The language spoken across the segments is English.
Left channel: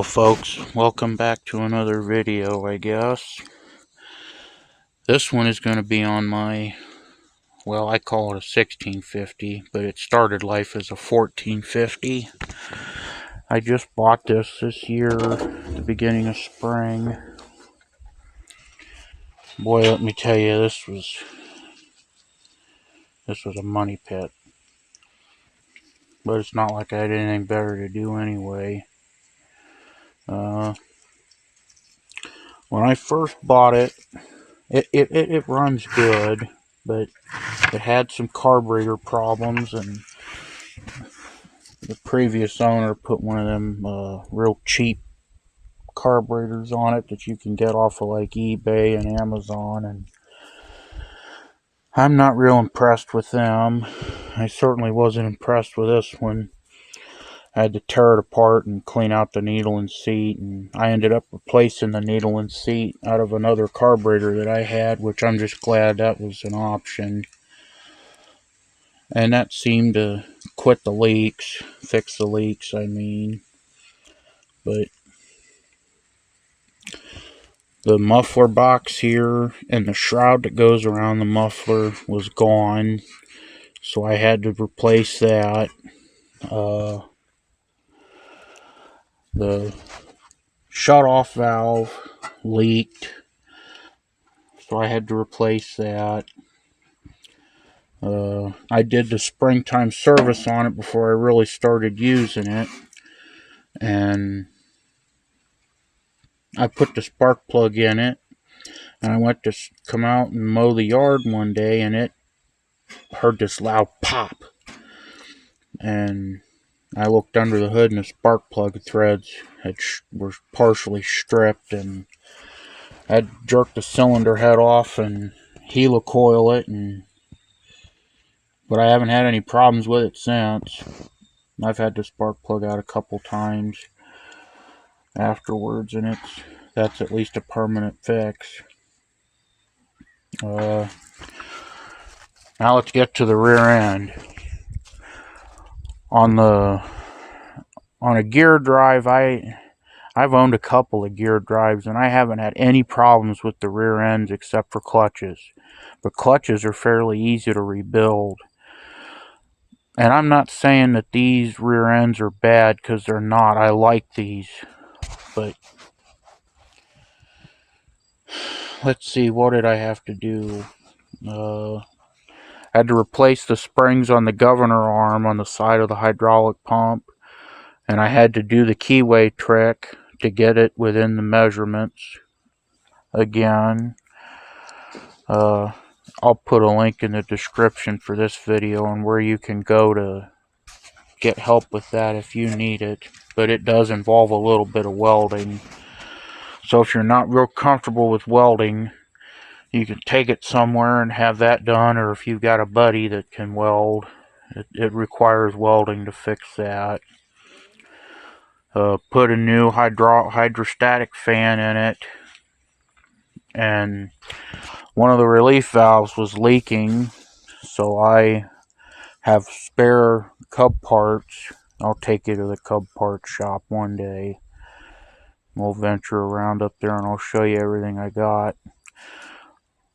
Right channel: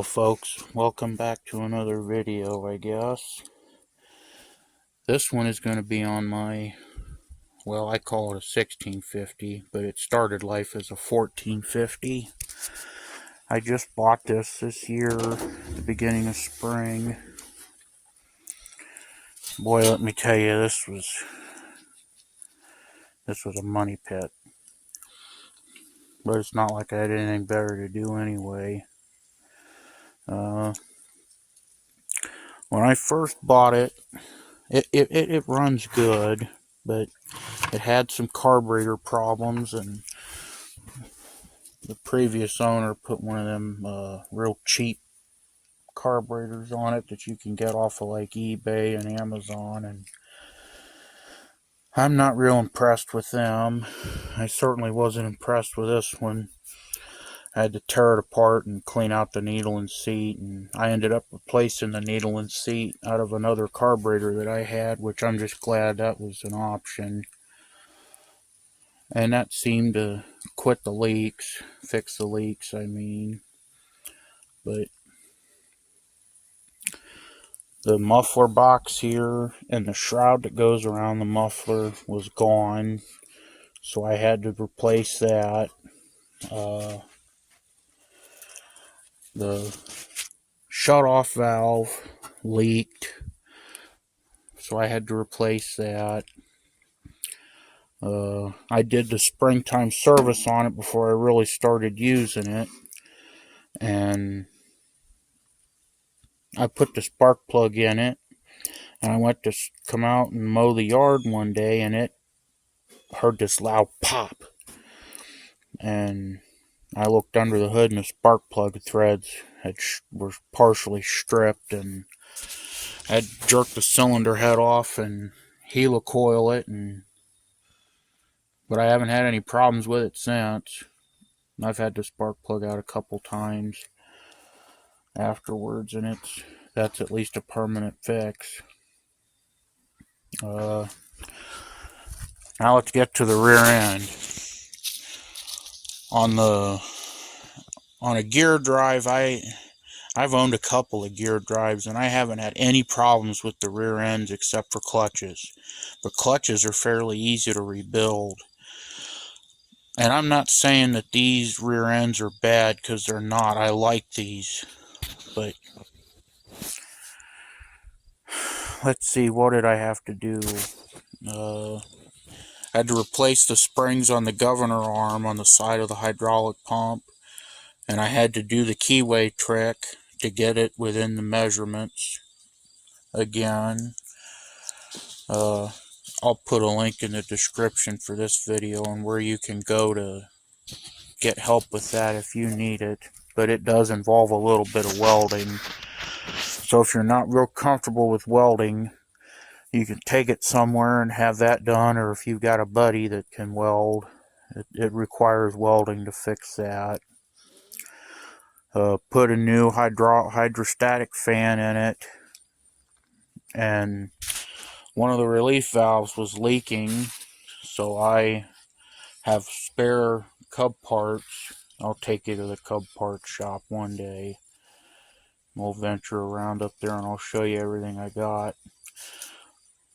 Hello folks, welcome back to another video, I guess. This one is going to be on my, well, I call it a 1650, but it started life as a 1450. I just bought this year, at the beginning of spring. Boy, let me tell you, this was a money pit. But it's not like I had anything better to do anyway. When I first bought it, it runs good, but it had some carburetor problems, and the previous owner put one of them real cheap carburetors on it that you can get off of like eBay and Amazon, and I'm not real impressed with them. I certainly wasn't impressed with this one. I had to tear it apart and clean out the needle and seat, and I ended up replacing the needle and seat out of another carburetor that I had, which I'm just glad that was an option. And that seemed to quit the leaks, fix the leaks, I mean. But the muffler box here and the shroud that goes around the muffler was gone, so I had to replace that. The shut-off valve leaked, so I had to replace that. I did the springtime service on it before I really started using it, and I put the spark plug in it, and I went to come out and mow the yard one day, and it heard this loud pop, and I looked under the hood, and the spark plug threads were partially stripped, and I had jerked the cylinder head off and helicoil it, but I haven't had any problems with it since. I've had the spark plug out a couple times afterwards, and that's at least a permanent fix. Now let's get to the rear end. On a gear drive, I've owned a couple of gear drives, and I haven't had any problems with the rear ends except for clutches. But clutches are fairly easy to rebuild. And I'm not saying that these rear ends are bad, because they're not. I like these. But let's see, what did I have to do? I had to replace the springs on the governor arm on the side of the hydraulic pump. And I had to do the keyway trick to get it within the measurements again. I'll put a link in the description for this video and where you can go to get help with that if you need it. But it does involve a little bit of welding. So if you're not real comfortable with welding, you can take it somewhere and have that done, or if you've got a buddy that can weld, it requires welding to fix that. Put a new hydrostatic fan in it, and one of the relief valves was leaking, so I have spare Cub parts. I'll take you to the Cub parts shop one day. We'll venture around up there and I'll show you everything I got.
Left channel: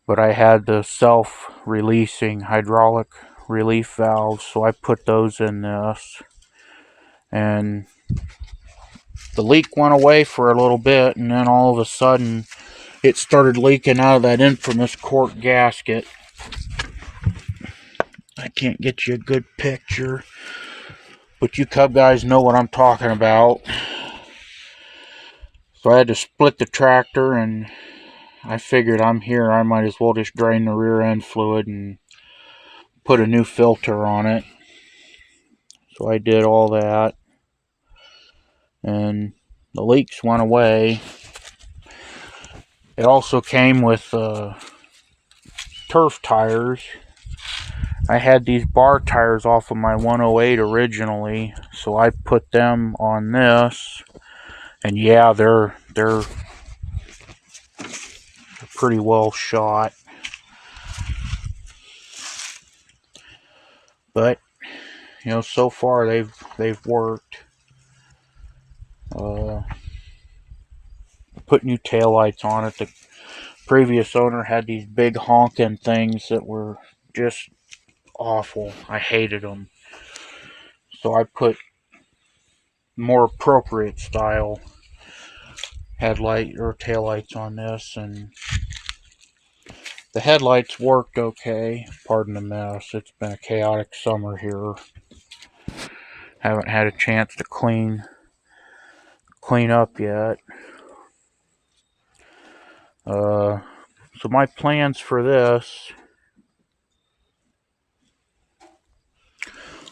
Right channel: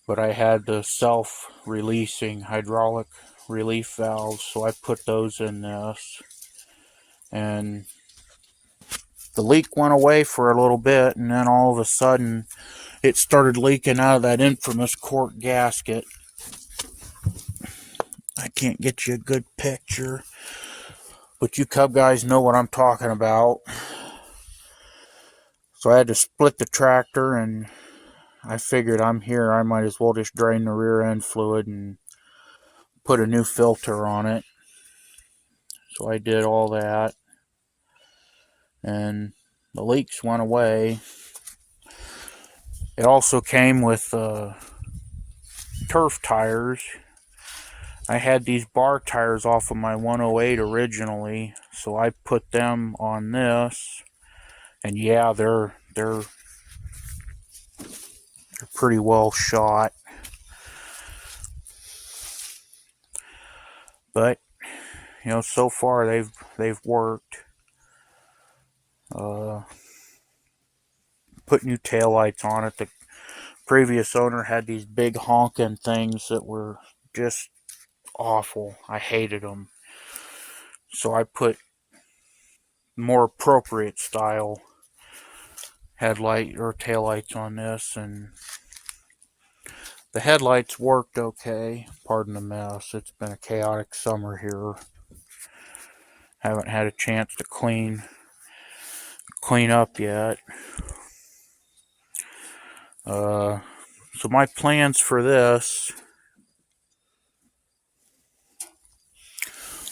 But I had the self-releasing hydraulic relief valves, so I put those in this, and the leak went away for a little bit, and then all of a sudden it started leaking out of that infamous cork gasket. I can't get you a good picture, but you Cub guys know what I'm talking about. So I had to split the tractor, and I figured I'm here, I might as well just drain the rear end fluid and put a new filter on it. So I did all that, and the leaks went away. It also came with turf tires. I had these bar tires off of my 108 originally, so I put them on this, and yeah, they're pretty well shot. But you know, so far they've worked. put new taillights on it. The previous owner had these big honking things that were just awful. I hated them. So I put more appropriate style headlight or taillights on this, and the headlights worked okay. Pardon the mess. It's been a chaotic summer here. Haven't had a chance to clean up yet. So my plans for this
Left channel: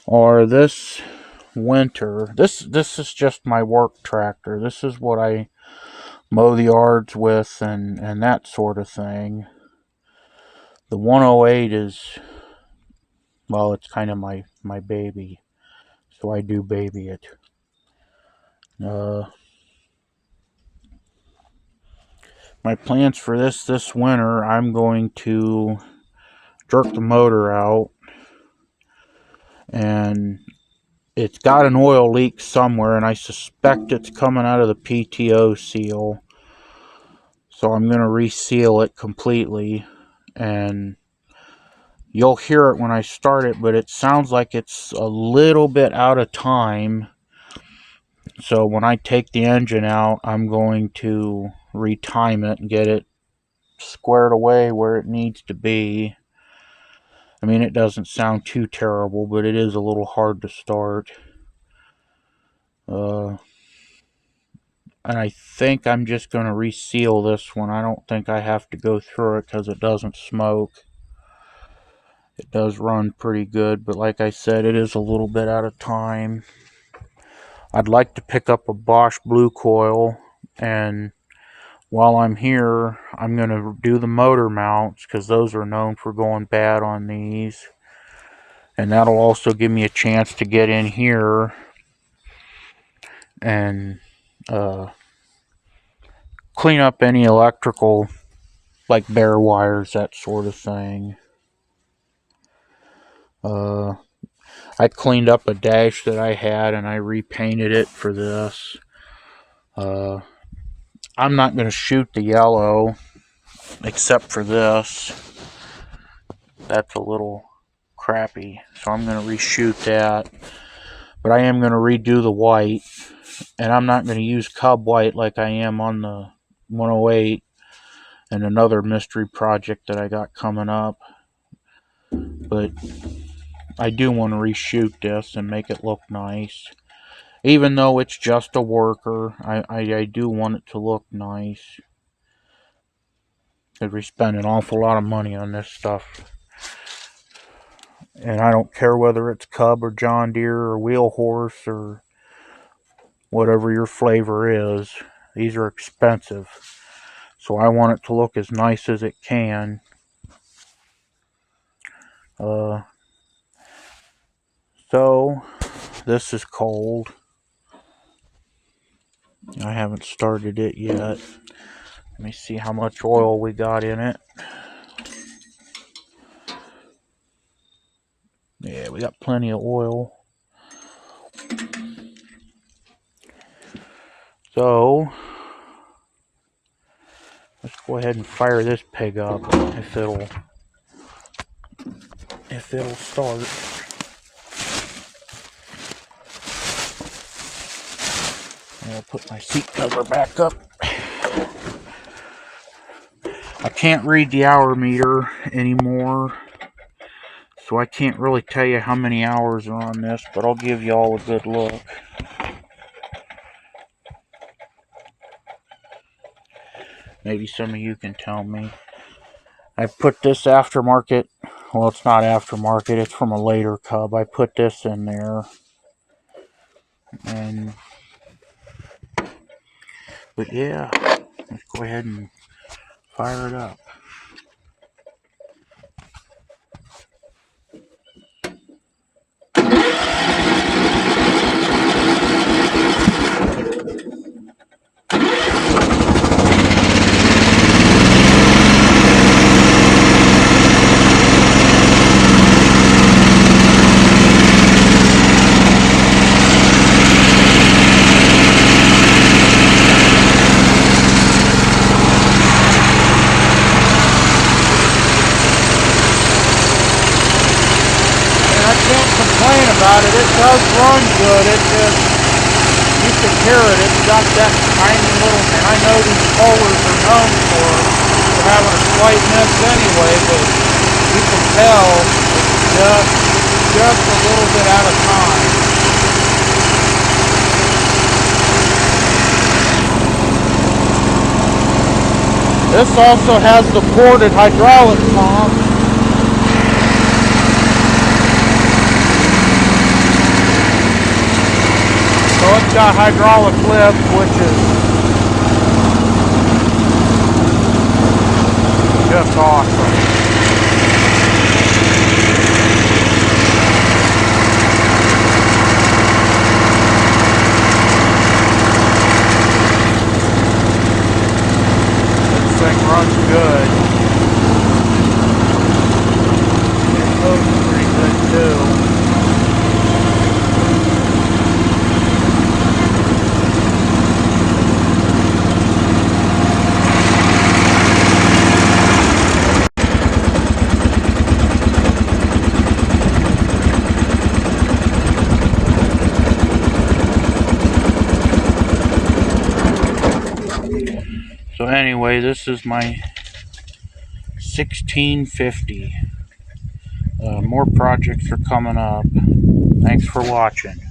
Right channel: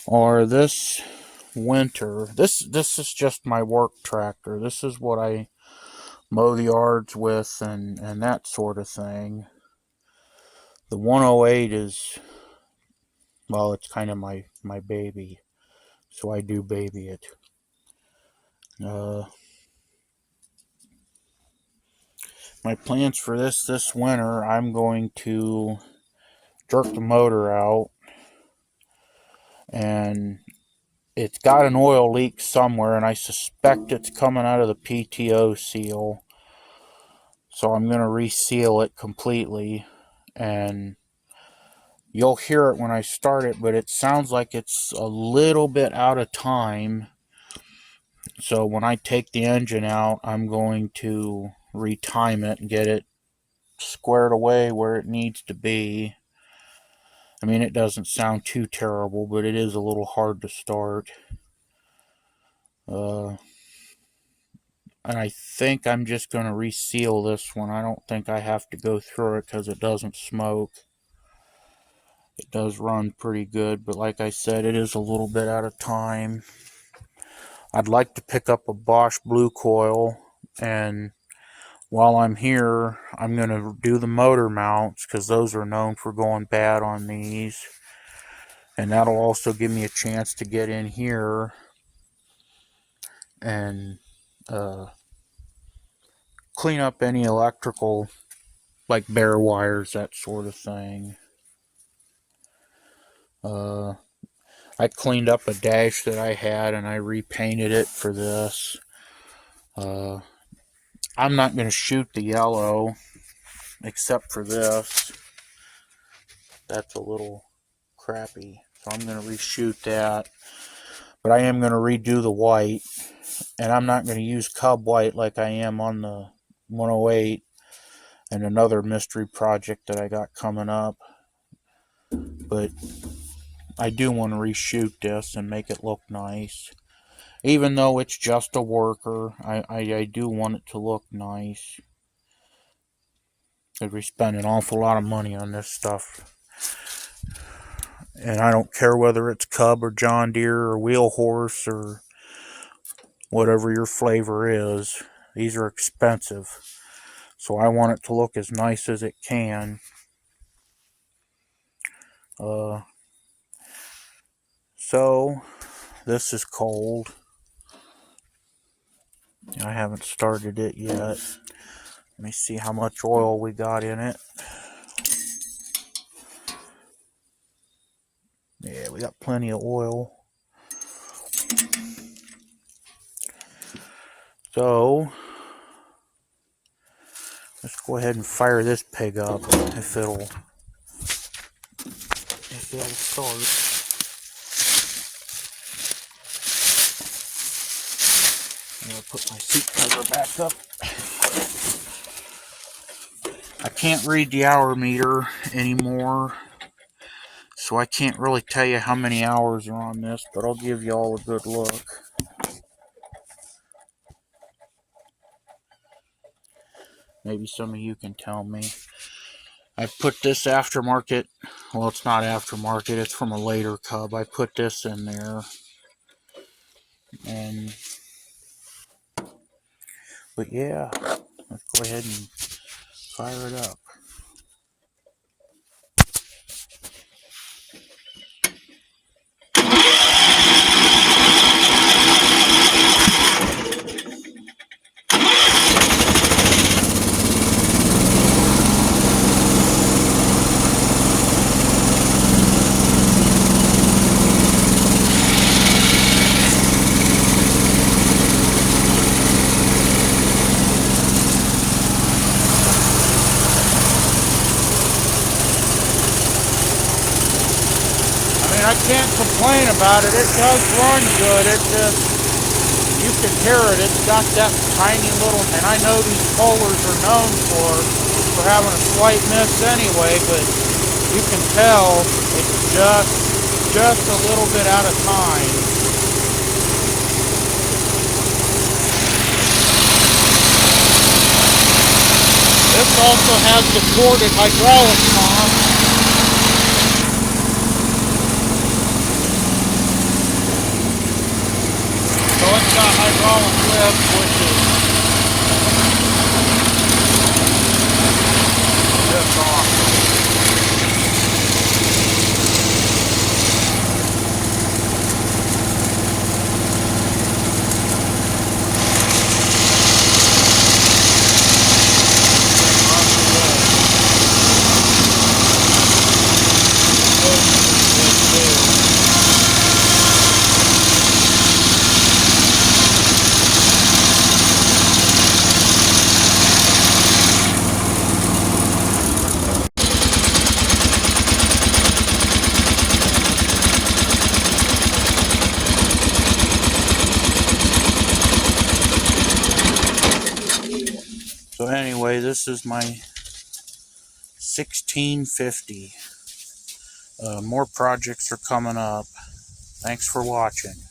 are this winter. This is just my work tractor. This is what I mow the yards with and that sort of thing. The 108 is, well, it's kind of my baby, so I do baby it. My plans for this winter, I'm going to jerk the motor out, and it's got an oil leak somewhere, and I suspect it's coming out of the PTO seal. So I'm going to reseal it completely, and you'll hear it when I start it, but it sounds like it's a little bit out of time. So when I take the engine out, I'm going to retime it and get it squared away where it needs to be. I mean, it doesn't sound too terrible, but it is a little hard to start. And I think I'm just going to reseal this one. I don't think I have to go through it because it doesn't smoke. It does run pretty good, but like I said, it is a little bit out of time. I'd like to pick up a Bosch Blue Coil, and while I'm here, I'm going to do the motor mounts because those are known for going bad on these. And that'll also give me a chance to get in here and clean up any electrical, like bare wires, that sort of thing. I cleaned up a dash that I had and I repainted it for this. I'm not going to shoot the yellow except for this. That's a little crappy, so I'm going to reshoot that. But I am going to redo the white, and I'm not going to use Cub White like I am on the 108 and another mystery project that I got coming up. But I do want to reshoot this and make it look nice. Even though it's just a worker, I do want it to look nice. Because we spend an awful lot of money on this stuff. And I don't care whether it's Cub or John Deere or Wheel Horse or whatever your flavor is. These are expensive. So I want it to look as nice as it can. So this is cold. I haven't started it yet. Let me see how much oil we got in it. Yeah, we got plenty of oil. So let's go ahead and fire this pig up if it'll start. And I'll put my seat cover back up. I can't read the hour meter anymore, so I can't really tell you how many hours are on this, but I'll give you all a good look. Maybe some of you can tell me. I put this aftermarket, well, it's not aftermarket, it's from a later Cub. I put this in there. But yeah, let's go ahead and fire it up. complain about it. It does run good. It just, you can hear it. It's got that tiny little, and I know these colors are known for having a slight miss anyway, but you can tell just a little bit at a time. This also has the ported hydraulic pump. So it's got hydraulic lift, which is just awesome. Good. So anyway, this is my 1650. More projects are coming up. Thanks for watching.